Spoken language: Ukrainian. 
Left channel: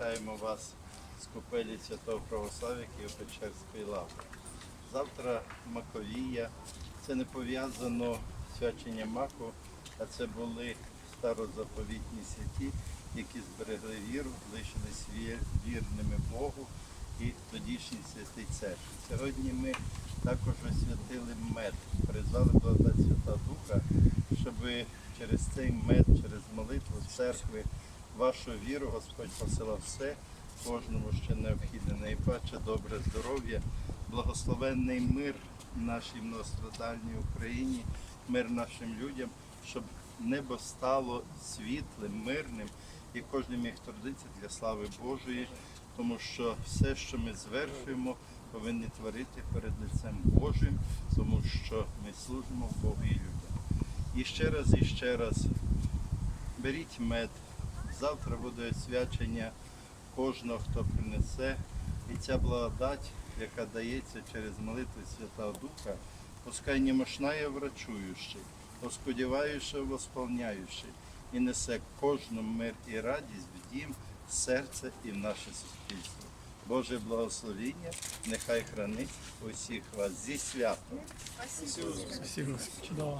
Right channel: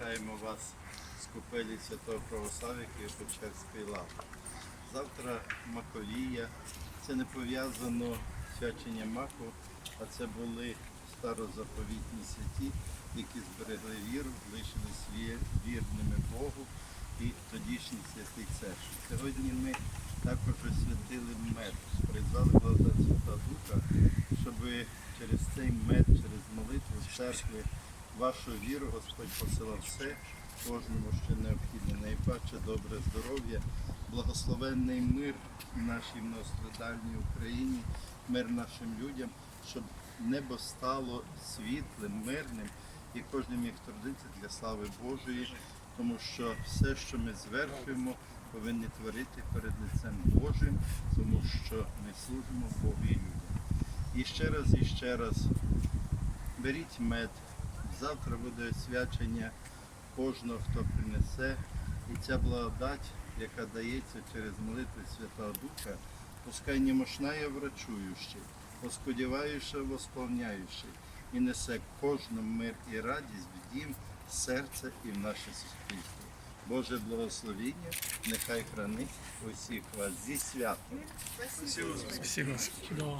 Вітаємо вас з купелі Святого Православ'я Києво-Печерської лаври. Завтра Маковія. Це не пов'язано з свяченням маку, а це були старозаповітні святі, які зберегли віру, лишились вірними Богу і тодішній святий церкві. Сьогодні ми також освятили мед, призвали благодать Свята Духа, щоб через цей мед, через молитву церкви, вашу віру Господь посилав все, кожному, що необхідне, найпаче добре здоров'я, благословенний мир нашій многострадальній Україні, мир нашим людям, щоб небо стало світлим, мирним, і кожен міг трудитися для слави Божої, тому що все, що ми звершуємо, повинні творити перед лицем Божим, тому що ми служимо Богу і людям. І ще раз, і ще раз беріть мед. Завтра буде освячення кожного, хто принесе. І ця благодать, яка дається через молитву Святого Духа, пускай не мощная врачуючий, сподіваючи, восполняючий, і несе кожному мир і радість в дім, серце і в наше суспільство. Боже благословіння, нехай хранить усіх вас зі святом. Спасибо. Чудово.